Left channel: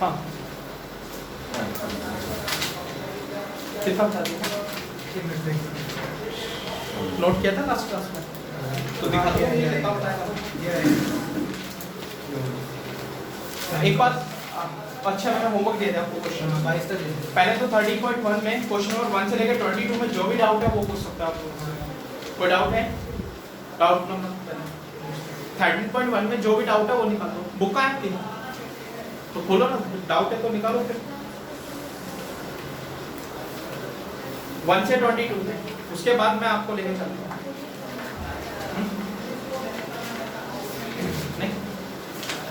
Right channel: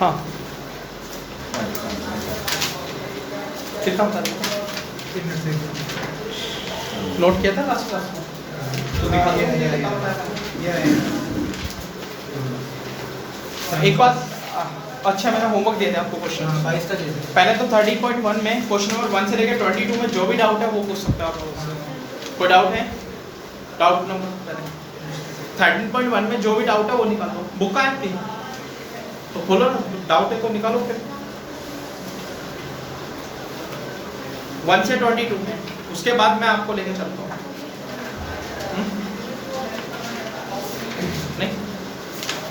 हाँ कितना नोट किया था लास्ट क्लास में तो दिखा दिया। एक बात अच्छा मैंने होमवर्क दे दिया आपको क्वेश्चन पहले तो 30.1 में क्वेश्चन नंबर 1 से लेकर 22 में जो भी डाउट है वो पूछ सकते हैं आप लोगों से। कोई डाउट है? डाउट नंबर 13.1 में जो भी डाउट है वो निकालो। बुक है आपकी तो खोलो ना, डाउट है तो निकालो फिर। 1 से 22 में उसके बाद मैं आपको लेके चलता हूँ। नहीं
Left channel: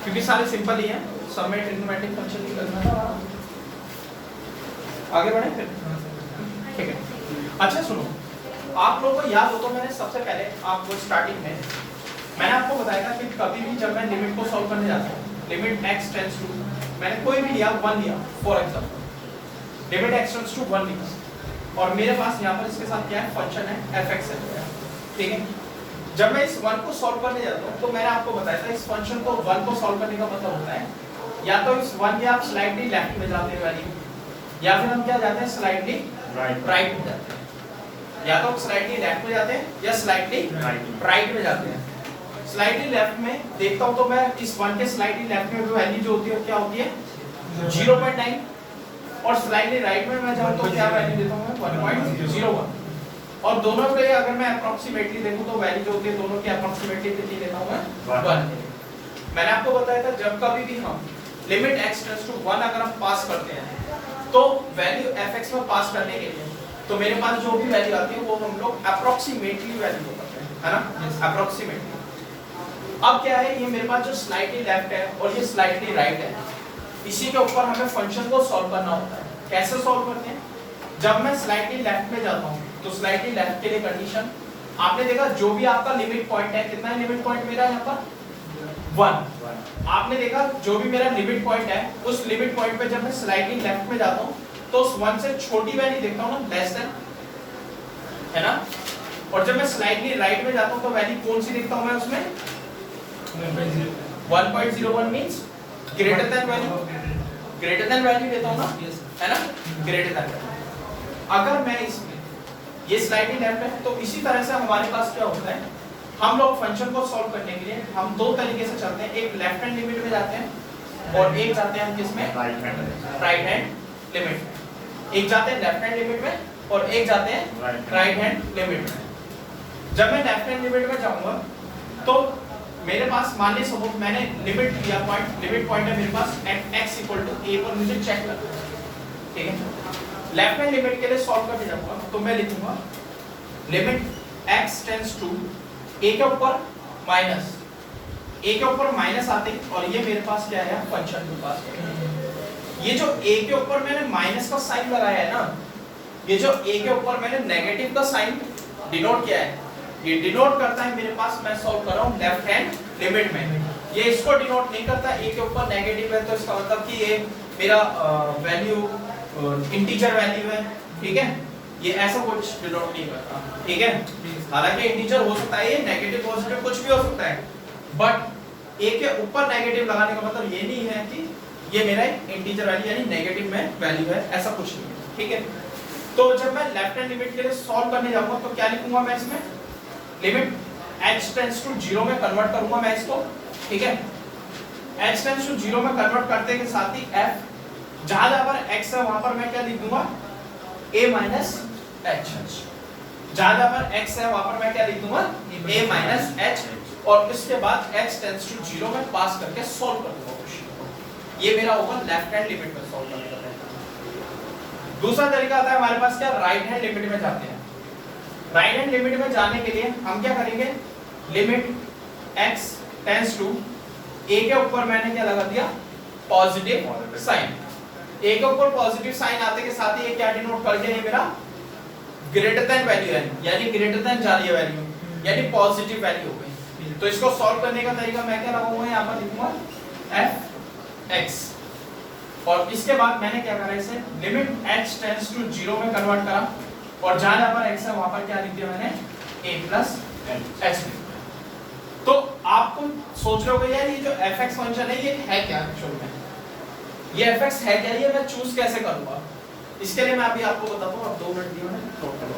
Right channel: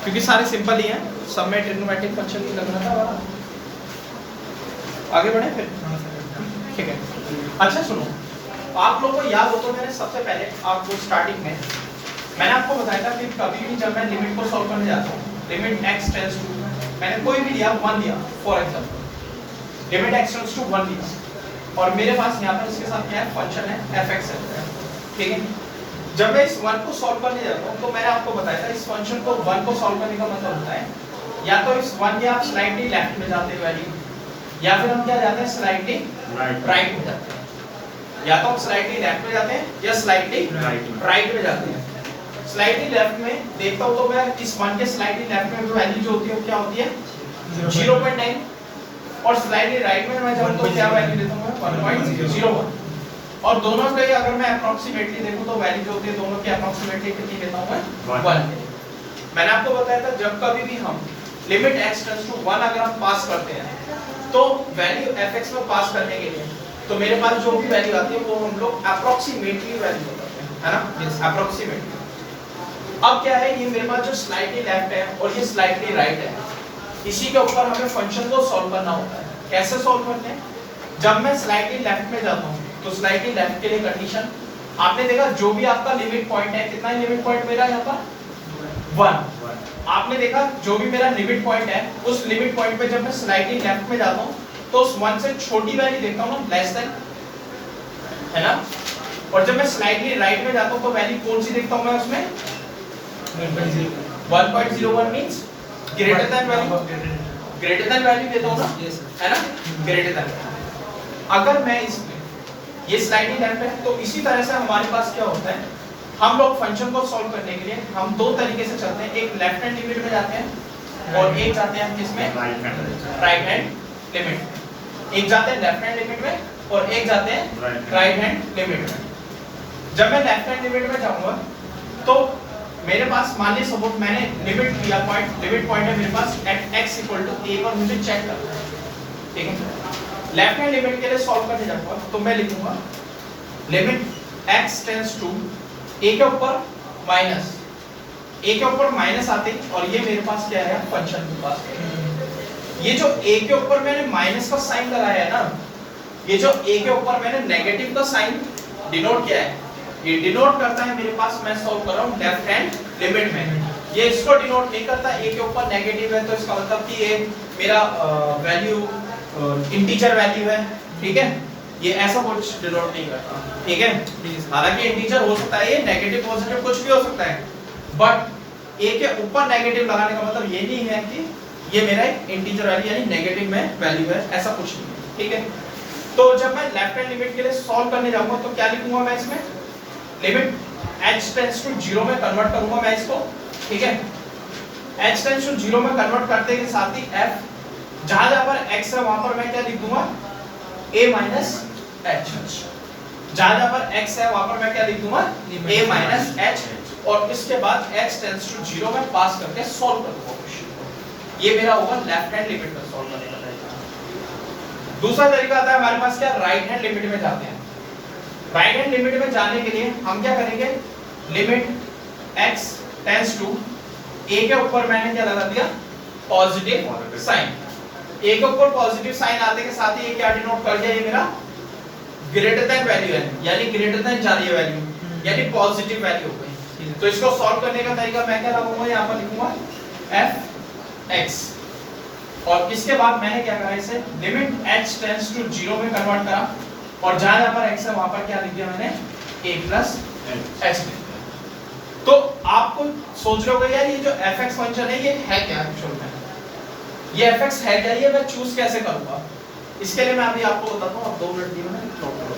क्योंकि सारे सिंपल ही हैं, सब में ट्रिग्नोमेट्रिक फंक्शन नहीं लगना था हमारा। आगे बढ़े फिर, ठीक है। अच्छा सुनो, आप लोगों को याद हो तो मैंने सबसे पहले आपको स्टार्टिंग में मैंने आपको बताया था कि कभी भी जब मैं लिमिट को सॉल्व करने जाता हूँ, लिमिट x टेंड्स टू, मैंने कोई भी लिया 1 लिया for example, limit x tends to 1 लिया और मेरे पास यहाँ पर इसके साथ क्या है, फंक्शन है fx है, ठीक है। जब मैं इस 1 को सॉल्व करने जाता हूँ तो मैंने आपको बताया था इस फंक्शन को 1 को सॉल्व करने का मतलब होता है या तो इस 1 के आप स्लाइटली लेफ्ट में जाते हैं वैल्यू, या फिर हम क्या जाते हैं स्लाइटली राइट में जाते हैं, या तो हम स्लाइटली लेफ्ट में जाते हैं या स्लाइटली राइट में जाते हैं। स्लाइटली लेफ्ट में देखता हूं तो मैं इस 1 के स्लाइटली लेफ्ट में वैल्यू जो होती है क्या होती है 0.9 और स्लाइटली राइट में मैं जाऊं तो क्या वैल्यू देता हूं मैं 1.01 और दोनों के अगर मैं अप्रोक्सीमेटली देखूं तो वैल्यू जो होती है दोनों की अप्रोक्सीमेटली कितनी लेता हूं मैं 1। मैंने आपको बताया था जब कभी भी हम लिमिट x टेंड्स टू 1 अगर हम पास करते हैं तो वैल्यू fx में पास करने के लिए तो मेरे पास जो भी वैल्यू आती है वो हम लोग अप्रोक्सीमेटली वैल्यू बताते हैं, है ना, अप्रोक्सीमेटली। अब क्या है, ये मेरे पास जो स्लाइटली लेफ्ट है और ये स्लाइटली राइट है, इसी के ऊपर हमें फंक्शन को सॉल्व करना होता है। कैसे सॉल्व करते हैं? जब मैं स्लाइटली लेफ्ट में जाता हूँ तो स्लाइटली लेफ्ट के लिए कंडीशन आपने देखा जो भी आपका लिमिट पॉइंट है, कितना है लिमिट पॉइंट मेरा यहाँ पर 1। आपने देखा जो भी मेरा लिमिट पॉइंट है उस लिमिट पॉइंट पे जब मैं स्लाइटली लेफ्ट में जाता हूँ तो उस 1 से छोटी वैल्यू देखता हूँ ना, लेस देन, है ना। और जब मैं स्लाइटली राइट में जाता हूँ तो वैल्यू कौन सी देखता हूँ मैं उसमें 1.01 means greater than value, greater than value देता हूँ ना, है ना, ग्रेटर देन। अगर मैं इसमें ये स्लाइडली लेफ्ट है तो इसी तरह से हमारे पास क्या होता है, हम लोग फंक्शन को सॉल्व करने के लिए हम दो तरीके से चलते हैं, एक लेफ्ट हैंड लिमिट में जाते हैं और एक जाते हैं किसमें, राइट हैंड लिमिट। एक जाते हैं लेफ्ट हैंड लिमिट में और एक जाते हैं राइट हैंड लिमिट में। जब मैं लेफ्ट हैंड लिमिट में जाऊंगा तो मेरे पास मान लीजिए सपोज मैंने लिमिट लिया पॉइंट, लिमिट पॉइंट है मेरे पास at x equal to a पर मुझे चेक करना है, ठीक है। लेफ्ट हैंड लिमिट के लिए सॉल्व करने जाऊंगा तो मैं लिखूंगा limit x tends to a के ऊपर माइनस, a के ऊपर माइनस आते और ये मेरे पास क्या है फंक्शन के पास। ये जो a के ऊपर मैंने माइनस का साइन लगाया है ना, ये जो a के ऊपर मैंने नेगेटिव का साइन डिनोट किया है, ये डिनोट करता है मेरे पास, मैं सॉल्व कर रहा हूं लेफ्ट हैंड लिमिट में। ये इसको डिनोट नहीं करता, a के ऊपर नेगेटिव है तो इसका मतलब कि ये मेरा वैल्यू इंटीजर वैल्यू है, ठीक है। ये ऐसा कुछ डिनोट नहीं करता, ठीक है। हालांकि इंटीजर हो सकता है, ये नेगेटिव पॉजिटिव कुछ भी हो सकता है, बट a के ऊपर नेगेटिव लगाने का मतलब ये नहीं है कि ये मेरा एक इंटीजर वैल्यू यानी नेगेटिव में वैल्यू है, ऐसा कुछ नहीं है, ठीक है। तो जब मैं लेफ्ट हैंड लिमिट के लिए सॉल्व करने जाऊंगा तो क्या लिखूंगा मैं इसमें, लिमिट h टेंड्स टू 0 में कन्वर्ट करूंगा मैं इसको, ठीक है। h टेंड्स टू 0 में कन्वर्ट करते के साथ ही f जहां जहां पर x है वहां पर मैं क्या लिख दूंगा a माइनस h, जहां जहां पर x है वहां पर मैं क्या लिख दूंगा a माइनस h, और इसके बाद x टेंड्स टू 0 में पास करके सॉल्व कर दूंगा। ये मेरा होगा लेफ्ट हैंड लिमिट में सॉल्व करने का तरीका। दूसरा तरीका आता है हमारे पास क्या, राइट हैंड लिमिट में जाते हैं। राइट हैंड लिमिट में जाने के लिए हम क्या करेंगे, limit x tends to a के ऊपर मैंने क्या लगा दिया पॉजिटिव साइन, a के ऊपर पॉजिटिव साइन आते के साथ ही ये क्या डिनोट कर दिया, ये मेरा ग्रेटर देन वैल्यू है, यानी ग्रेटर देन जा रही है वैल्यू, यानी पॉजिटिव वैल्यू हो गई। तो इसको सॉल्व करने का तरीका मैं क्या लगाऊंगा, यहां पर लिखूंगा f(x) और इसके बाद मैंने क्या करा, इसे लिमिट h टेंड्स टू 0 में कन्वर्ट करा और जहां जहां पर x है वहां पर क्या लिख दिया मैंने a प्लस h। तो आपको सोच रहे होगे यार ये जो fx फंक्शन है ये है क्या एक्चुअल में, ये fx है क्या, ये मैं चूज कैसे करूंगा, इसके लिए मैं अभी आपको बताता हूँ। 2 मिनट दिए मैंने, नोट करो,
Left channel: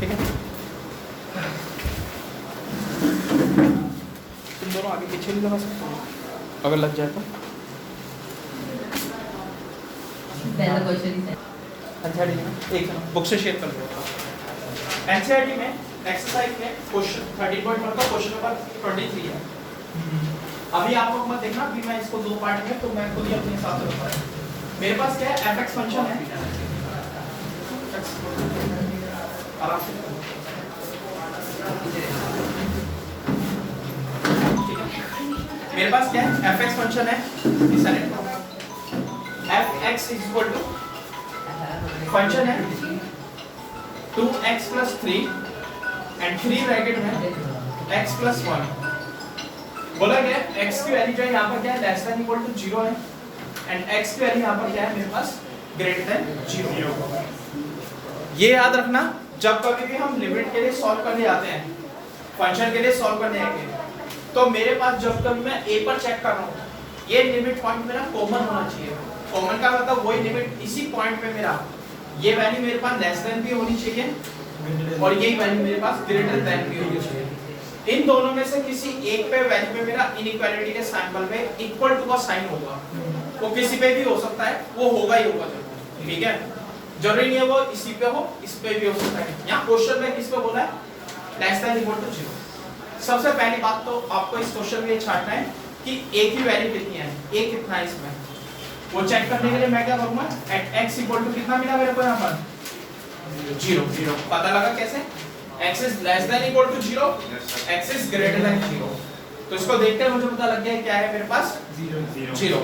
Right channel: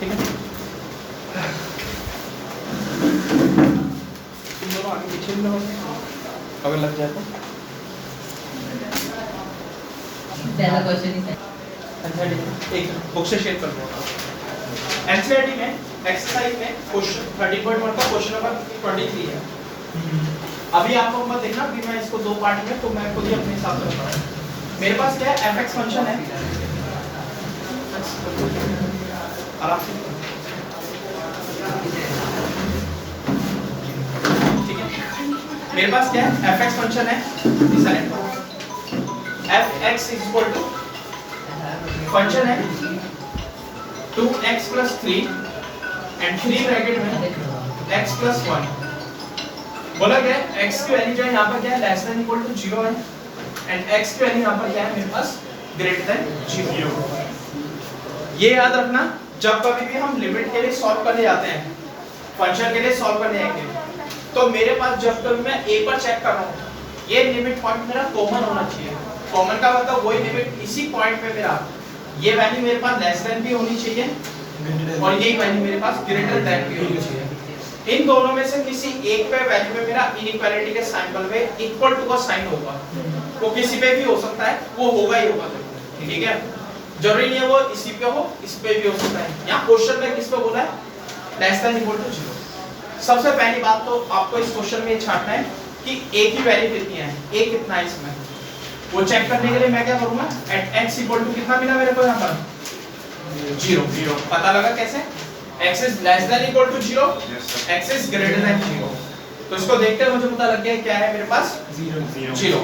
ठीक है। तुम दोनों आगे पीछे भी लगा सकते हो अगर लग जाए तो। पहला क्वेश्चन ही था। अच्छा एक बुक से शेयर कर दो। एनसीईआरटी में एक्सरसाइज में क्वेश्चन 13.1 का क्वेश्चन नंबर 23 है। अभी आप लोग मत देखना कि मैं इसको 2 पार्ट में, तो मैं खुद ही अपने हिसाब से बताऊं। मेरे पास क्या है, fx फंक्शन है, आराम से ठीक है। मेरे पास क्या है, fx फंक्शन है, fx is equal to function है 2x + 3 एंड 3 ब्रैकेट में x + 1। बोला गया x की वैल्यू जो है यहाँ पर क्या है, लेस देन इक्वल टू 0 है, एंड x की वैल्यू यहाँ पर क्या है मेरे पास, ग्रेटर देन 0। ये याद रखना जब कभी भी हम लिमिट के लिए सॉल्व करने जाते हैं, फंक्शन के लिए सॉल्व करने जाएंगे, तो मेरे पास जब कभी मैं a पर चेक कर रहा हूँ, ये लिमिट पॉइंट मेरा कॉमन होना चाहिए। कॉमन का मतलब वही लिमिट इसी पॉइंट पे मेरा, ये वैल्यू मेरे पास लेस देन भी होनी चाहिए और यही वैल्यू मेरे पास ग्रेटर देन भी होनी चाहिए। इन दोनों में से किसी एक पे वैल्यू में मेरा इनइक्वालिटी के सिंबल में इक्वल टू का साइन होगा, वो किसी पे भी हो सकता है, वो होगा ही होगा, ठीक है। जरूरी नहीं है वो इसी पे हो, इस पे भी हो सकता है। यहाँ क्वेश्चन में किस पे बोला है, लेस देन इक्वल टू 0। सबसे पहली बात तो आपको इस क्वेश्चन में ये छांटना है कि a की वैल्यू कितनी है, a कितना है इसमें, वो चेक करने के लिए मैं क्या करूंगा, एट x इक्वल टू कितना मिला मेरे को यहाँ पर 0। पता लगा कैसे, x is less than equal to 0, x is greater than 0। तो इसको देखकर मुझे पता लग गया क्या है मेरे पास 0।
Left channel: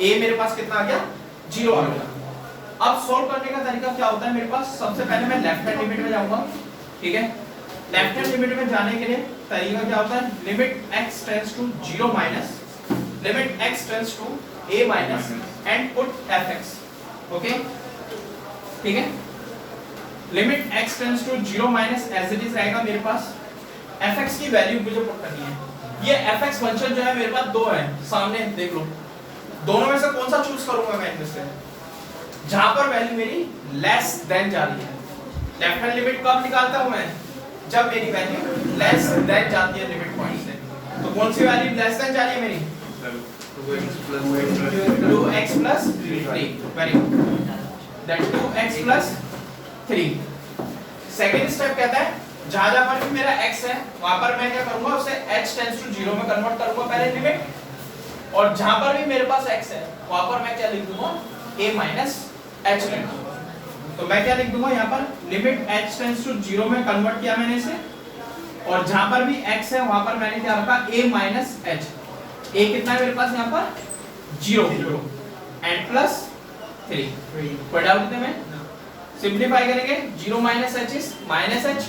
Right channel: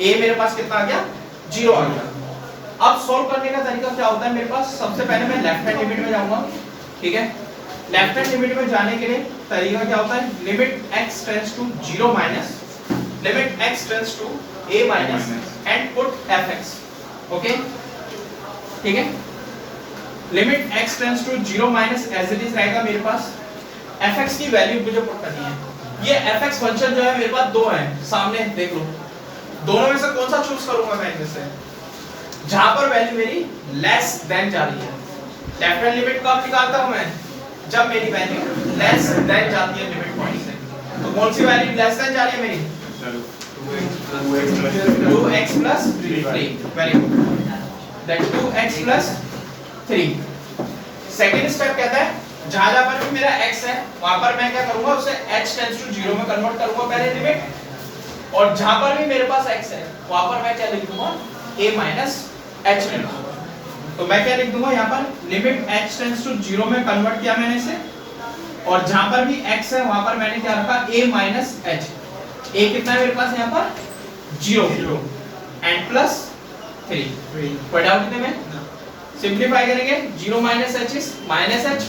a मेरे पास कितना आ गया, 0 आ गया। अब सॉल्व करने का तरीका क्या होता है मेरे पास, सबसे पहले मैं लेफ्ट हैंड लिमिट में जाऊंगा, ठीक है। लेफ्ट हैंड लिमिट में जाने के लिए तरीका क्या होता है, limit x tends to 0 minus limit x tends to a minus and put fx, okay, ठीक है। Limit x tends to 0 minus as it is रहेगा मेरे पास, fx की वैल्यू मुझे पुट करनी है। ये fx फंक्शन जो है मेरे पास 2 है, सामने देख लो, दोनों में से कौन सा चूज करूंगा मैं इनमें से, जहां पर वैल्यू मेरी लेस देन जा रही है। लेफ्ट हैंड लिमिट कब निकालता हूं मैं, जब मेरी वैल्यू लेस देन जाती है लिमिट पॉइंट से। तो कौन सी वैल्यू लेस देन जा रही है मेरी, 2x + 3, very good, that 2x + 3। Second step कहता है जहां जहां पर भी मेरा x है वहां पर मैं क्या करूंगा, उसे h टेंड्स टू 0 में कन्वर्ट करूंगा पहले लिमिट, और जहां पर भी मेरे पास x है वहां पर मैं क्या लिख दूंगा, a माइनस h लिख दूंगा। तो मैं क्या लिख दूंगा यहाँ पर, लिमिट h टेंड्स टू 0 में कन्वर्ट किया मैंने इसे, और जहां पर भी x है वहां पर मैंने क्या रखा, a माइनस h। a कितना है मेरे पास यहाँ पर 0 एंड प्लस 3। कोई डाउट इतने में, सिंपलीफाई करेंगे 0 minus h is minus h,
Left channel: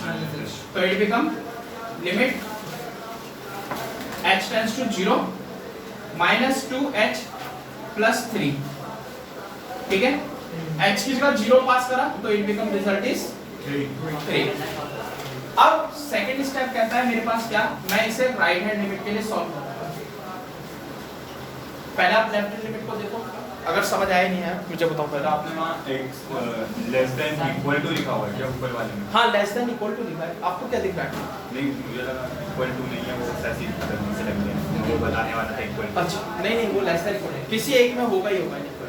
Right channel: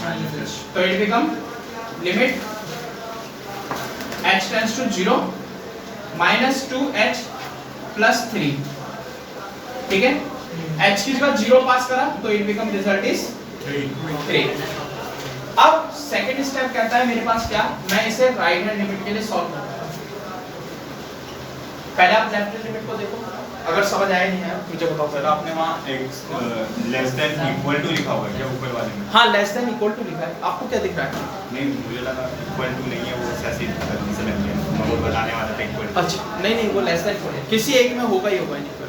तो it become limit h tends to 0 minus 2h plus 3, ठीक है। h की जगह 0 पास करा तो इट बिकम रिजल्ट इज 3। अब सेकंड स्टेप कहता है मेरे पास क्या, मैं इसे राइट हैंड लिमिट के लिए सॉल्व करता हूं। पहले आप लेफ्ट हैंड लिमिट को देखो, अगर समझ आया नहीं है मुझे बताओ पहले। आपने वहां x less than equal to लिखा हुआ है, या ऊपर वाले में? हां, लेस देन इक्वल टू लिखा है, आपको क्या दिख रहा है? नहीं, मुझे लगा इक्वल टू नहीं है, वो ऐसे ही सेलेक्ट है, मैं वो बताने वाला था इक्वल। अच्छा, नहीं वो लेस देन इक्वल है, किसी एक में होगा ही होगा इक्वलिटी।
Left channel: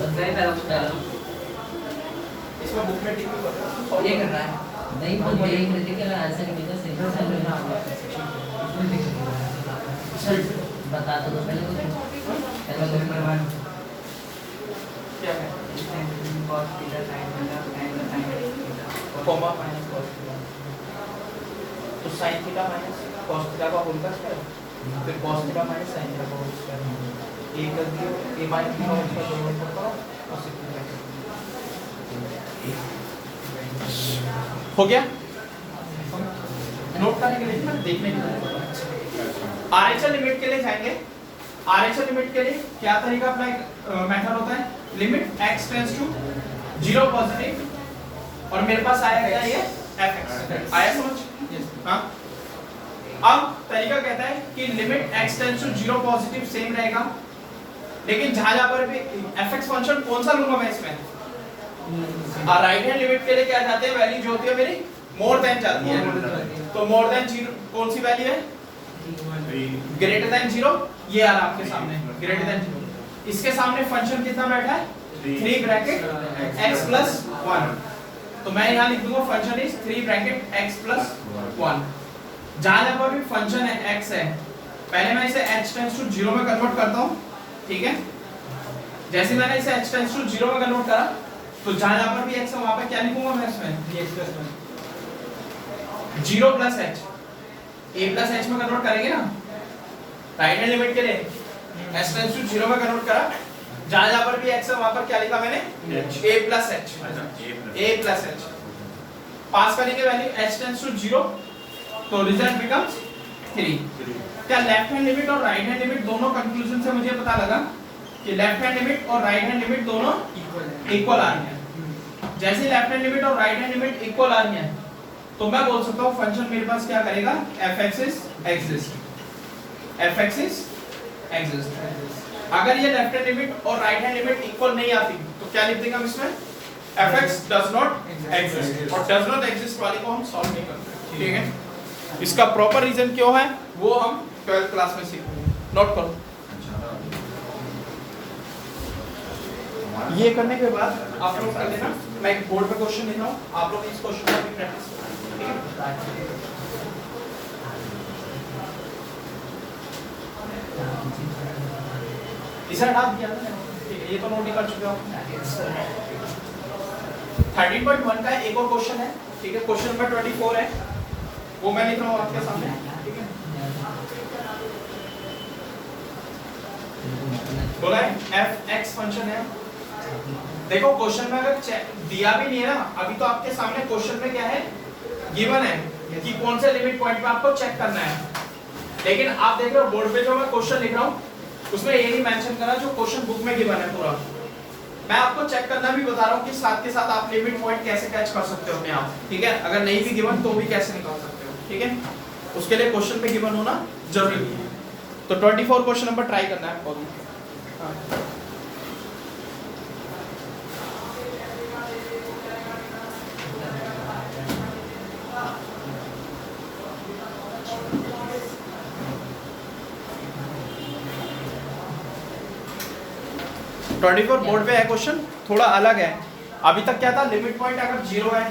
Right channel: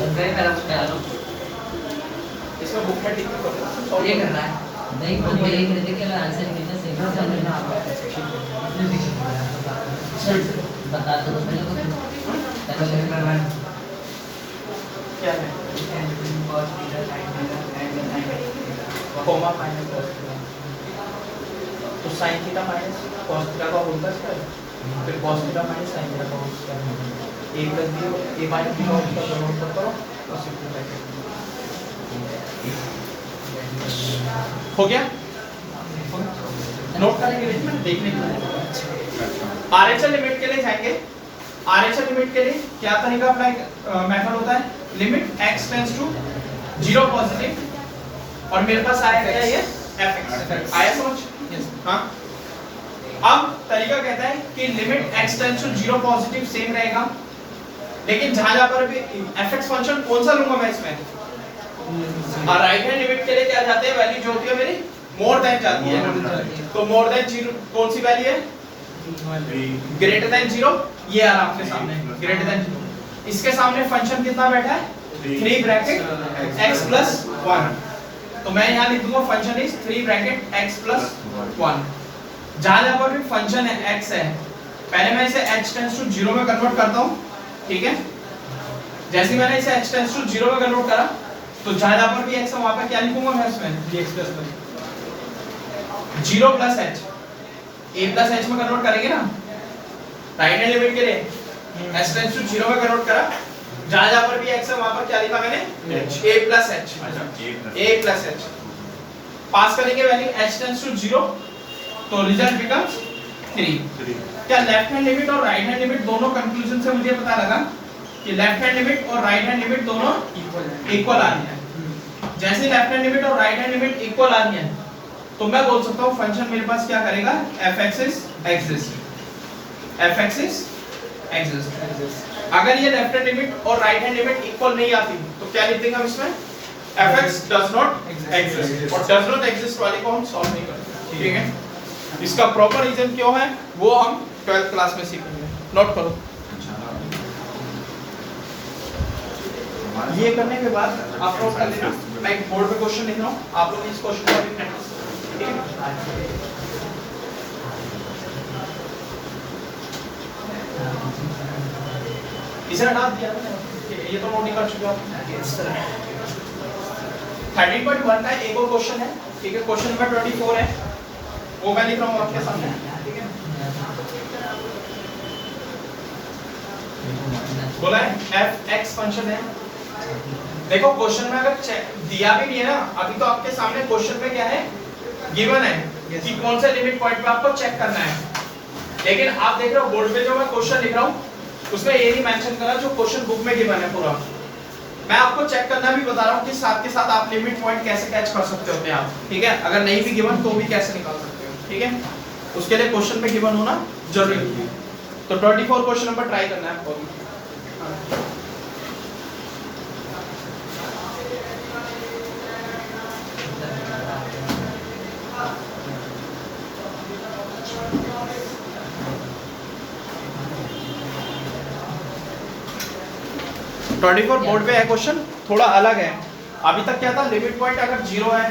सही तरह पहला इसमें बुक में टिक कर ये करना है, नहीं वो यही करते कि आंसर निकले सेकंड समझ बता दो पहले क्या है, cos theta sin theta angle sin comma minus cos theta, तो sin theta minus cos theta का होल स्क्वायर, फिर cos theta minus sin theta का whole square, a plus b a minus b का होल स्क्वायर दोनों ऊपर करो और simplify हो गया। नोट करेंगे, लेकिन मैं देखने के लिए आरएचएल लिमिट के लिए जाएंगे। आरएचएल लिमिट के लिए क्या तरीका अप्लाई मेथड होता है, limit x tends to 0 positive और मेरे पास आया क्या, ये fx आया समझ। हाँ, अब तरीका कहता है कि limit x tends to 0 positive same रहेगा लेकिन जहां जहां पर भी fx फंक्शन कौन सा लूंगा मैं इसमें, हाँ राइट हैंड लिमिट के लिए क्या जाते हैं, वैल्यू जो होती है मेरी मोर देन जाती है, तो मोर देन 0 कौन सी वैल्यू है, ग्रेटर देन 0, ये आ रहा आपके सामने ग्रेटर देन 0। इसके सामने फंक्शन कितना बैठा है, 3 ब्रैकेट x प्लस 1, तो मैं यहाँ लिख दूंगा function is 3 bracket x plus 1। जहां जहां पर भी फंक्शन है x है, पहले मैं इसे h टेंड्स टू 0 में कन्वर्ट करता हूं, ठीक है। जैसे मैंने इसे h टेंड्स टू 0 में कन्वर्ट करा, तो जहां जहां पर भी x है वहां पर क्या लिखूंगा मैं इसमें, x plus 0 plus h, a plus h में कन्वर्ट करेंगे ना राइट हैंड लिमिट के लिए, h टेंड्स टू 0 में कन्वर्ट करा, जहां जहां पर भी x है वहां पर क्या लिखा मैंने, a plus h, a plus h पास करेंगे वैल्यू h टेंड्स टू 0, तो रिजल्ट बिकम्स 3। क्या लेफ्ट हैंड लिमिट और राइट हैंड लिमिट दोनों कंक्लूजन से मुझे पता लगा कि लेफ्ट हैंड लिमिट और राइट हैंड लिमिट दोनों इक्वल आ रही है। जैसे लेफ्ट हैंड लिमिट और राइट हैंड लिमिट इक्वल आ रही है, तो मैं बोल सकता हूँ फंक्शन मेरे पास क्या करेगा, fx is exist, fx is exist। अगर ये लेफ्ट हैंड लिमिट और राइट हैंड लिमिट इक्वल नहीं आती तो क्या लिख देंगे हम इसमें, fx does not exist, और does not exist वाले को हम सॉल्व नहीं करते, ठीक है। इसका प्रॉपर रीजन क्यों है वो हम 12th क्लास में सीखेंगे, नोट करो। ये करने के बाद आप लोग कर लेना, मैं एक बोर्ड पे क्वेश्चन लिख रहा हूँ, आप लोग इस क्वेश्चन का भी प्रैक्टिस करो, ठीक है। इसे हटा दिया था, ये तो नोट कर चुके हो आप। 13.1 का एक और क्वेश्चन है, ठीक है, क्वेश्चन नंबर 24 है, वो मैं लिख रहा हूँ आपके सामने, ठीक है। बोला है fx फंक्शन है, देखो क्वेश्चन में अगर दिया भी नहीं है ना, अभी तो आपके सामने क्वेश्चन में क्या है, गिवन है कि कौन से लिमिट पॉइंट पे आपको चेक करना है, लेकिन आप देख रहे हो बोर्ड पे जो मैं क्वेश्चन लिख रहा हूँ उसमें ये नहीं मेंशन करा जो क्वेश्चन बुक में गिवन है पूरा। मैं आपको चेक करना भी बता रहा हूँ कि साथ के साथ आप लिमिट पॉइंट कैसे कैच कर सकते हो अपने आप, ठीक है। अगर नहीं भी गिवन तो भी कैसे निकाल सकते हो, ठीक है, उसके लिए क्वेश्चन में गिवन होना जरूरी है। तो 24 क्वेश्चन नंबर ट्राई करना है आपको। 24 बोर्ड पे है क्वेश्चन, थोड़ा अलग है। अभी तक क्या था, लिमिट पॉइंट अगर 0 है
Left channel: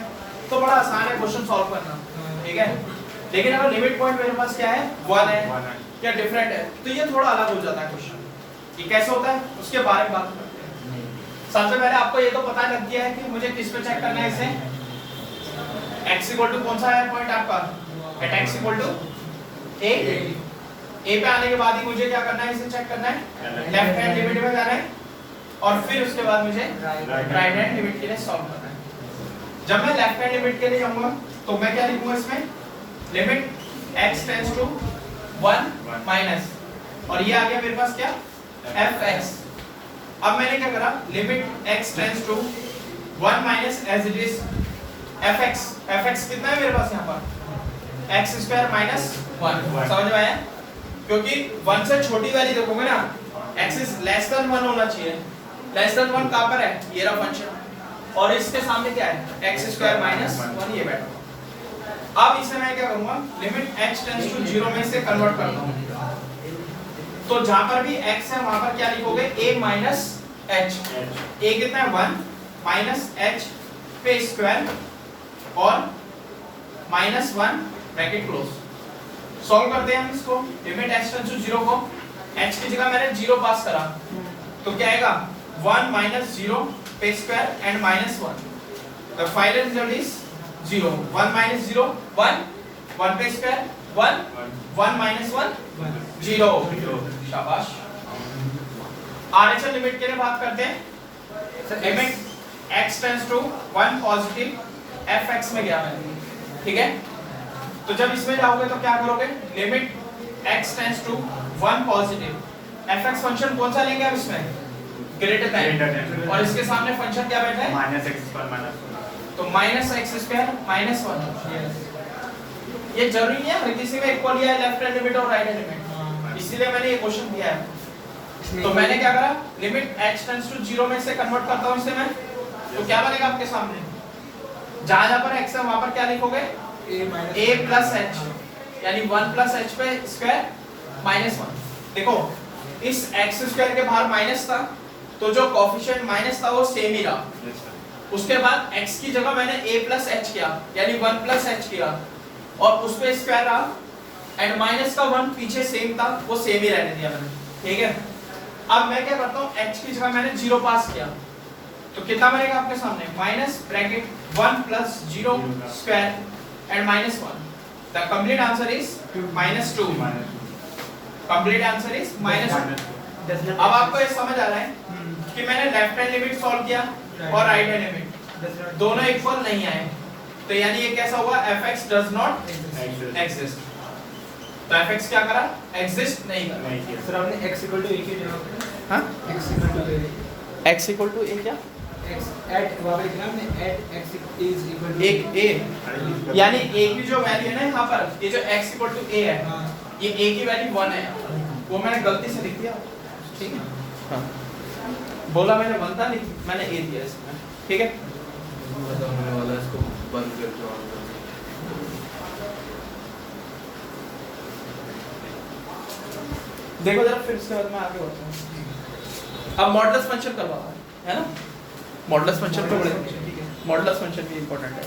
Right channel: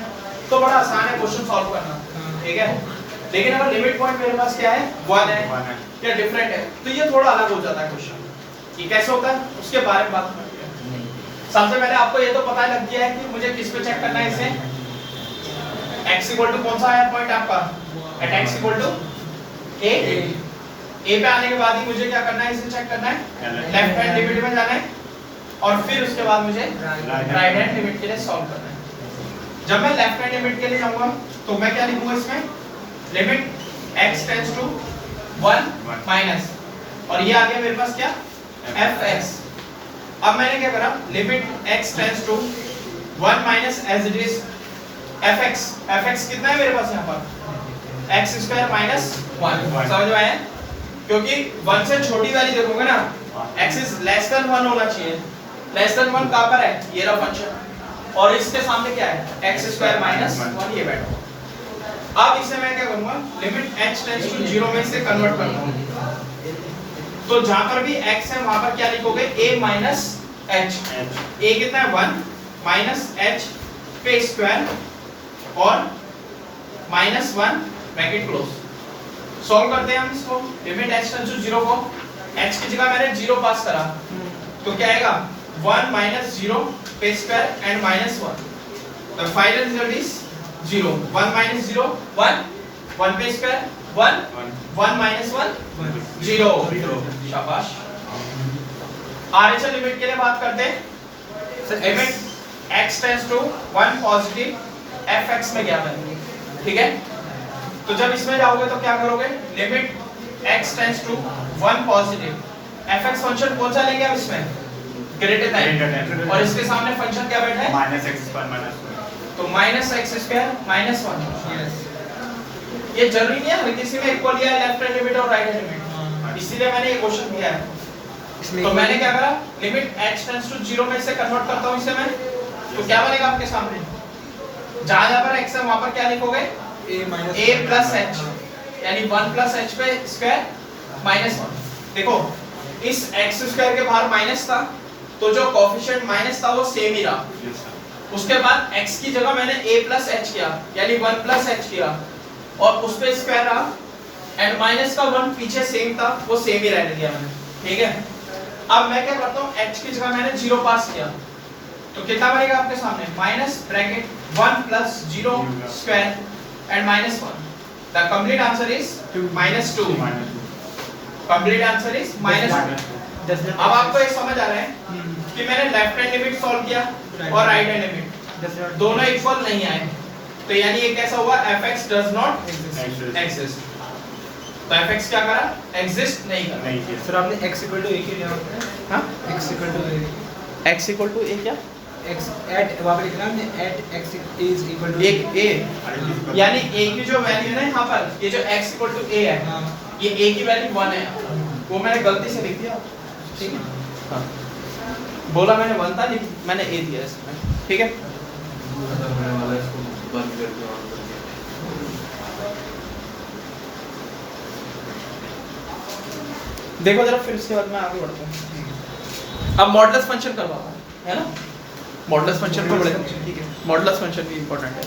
तो बड़ा आसान है क्वेश्चन सॉल्व करना, ठीक है। लेकिन अगर लिमिट पॉइंट मेरे पास क्या है, 1 है या डिफरेंट है, तो ये थोड़ा अलग हो जाता है क्वेश्चन। ये कैसे होता है उसके बारे में बात करते हैं। सबसे पहले आपको ये तो पता लग गया है कि मुझे किस पे चेक करना है, इसे x = कौन सा है पॉइंट आपका, एट x = a पे आने के बाद ही मुझे क्या करना है, इसे चेक करना है, लेफ्ट हैंड लिमिट में जाना है और फिर उसके बाद मुझे राइट हैंड लिमिट के लिए सॉल्व करना है। जब मैं लेफ्ट हैंड लिमिट के लिए जाऊंगा तो मैं क्या लिखूंगा इसमें, limit x tends to 1 minus, और ये आ गया मेरे पास क्या, fx। अब मैंने क्या करा, limit x tends to 1 minus as it is fx कितना है मेरे पास यहाँ पर, x² माइनस 1। समझ में आया, क्योंकि 1 से छोटी वाली देखोगे ना, x इज लेस देन 1 होना चाहिए, लेस देन 1 कहां पर है, ये रहा फंक्शन, और इसके सामने क्या है, x² माइनस 1 ये बैठा। अब इसे मैं क्या करूंगा, लिमिट h टेंड्स टू 0 में से कन्वर्ट करता हूं, तो जहां पर भी x है वहां पर क्या लिखोगे, a माइनस h। a कितना है 1 माइनस h पे स्क्वायर और माइनस 1 ब्रैकेट क्लोज। सॉल्व करते हैं हम इसको, लिमिट h टेंड्स टू 0 को, h की जगह मैंने 0 पास करा तो क्या आएगा, 1 माइनस 0 पे square and minus 1, the final result is 0। 1 minus 0 1, 1 पे स्क्वायर 1, 1 माइनस 1 0। शाबाश। आरएचएल लिमिट के लिए बात करते हैं, limit x tends to 1 positive fx में गया मैंने, ठीक है। तो जब इसमें जाओगे तो क्या करोगे, limit x tends to 1 positive fx function कौन सा लेंगे हम इसमें, ग्रेटर देन, और इसके सामने फंक्शन क्या बैठा है, -x², तो -x² माइनस 1। ये जरूरी नहीं है हर किसी में इक्वल या लेफ्ट हैंड लिमिट और राइट हैंड लिमिट, इसीलिए मैंने ये क्वेश्चन किया है। तो मैंने क्या करा, लिमिट h टेंड्स टू 0 में इसे कन्वर्ट करता हूं इसे मैं, तो क्या बनेगा आपके सामने, जहां जहां पर x है वहां पर क्या लिखोगे, a प्लस h, यानी 1 प्लस h पे स्क्वायर माइनस 1। देखो इस x स्क्वायर के बाहर माइनस था, तो जो कोएफिशिएंट माइनस था वो सेम ही रहा। Yes, sir. उसके बाद x की जगह मैंने a प्लस h किया, यानी 1 प्लस h किया, और उस पे स्क्वायर रहा, एंड माइनस का 1 पीछे सेम था, वो सेम ही रहने दिया मैंने, ठीक है। अब मैं क्या करता हूँ, h की जगह मैंने 0 पास किया, तो कितना बनेगा आपके सामने, minus bracket 1 plus 0 square and minus 1। The complete answer is minus 2। Complete answer is minus 2। अब आपको ये समझ आ रहा है कि मैंने लेफ्ट हैंड लिमिट सॉल्व किया और राइट हैंड लिमिट दोनों इक्वल नहीं आए, तो यानी ये कैसा हुआ, fx डज नॉट एग्जिस्ट। तो fx क्या करा, एग्जिस्ट नहीं करा। नहीं किया। सर आपने x इक्वल टू a के यहाँ पर हाँ, x equal to a x equal to a क्या, x at वहाँ पर लिखना हमने at x is equal to एक a, यानी a की जो वैल्यू है ना यहाँ पर, ये जो x इक्वल टू a है, हाँ ये a की वैल्यू 1 है, वो मैंने गलती से लिख दिया, ठीक है। बोला मैंने 1 था, मैंने a दिया इसमें, ठीक है। होने वाला है, इसको बंद कर दो ऑन कर दो। देखो जरा, फिर इसके बाद मैं आगे बढ़ता हूँ। अब मॉडुलस फंक्शन करवाता हूँ, है ना, मॉडुलस फंक्शन को बड़े, ठीक है, मॉडुलस फंक्शन भी इंपॉर्टेंट है।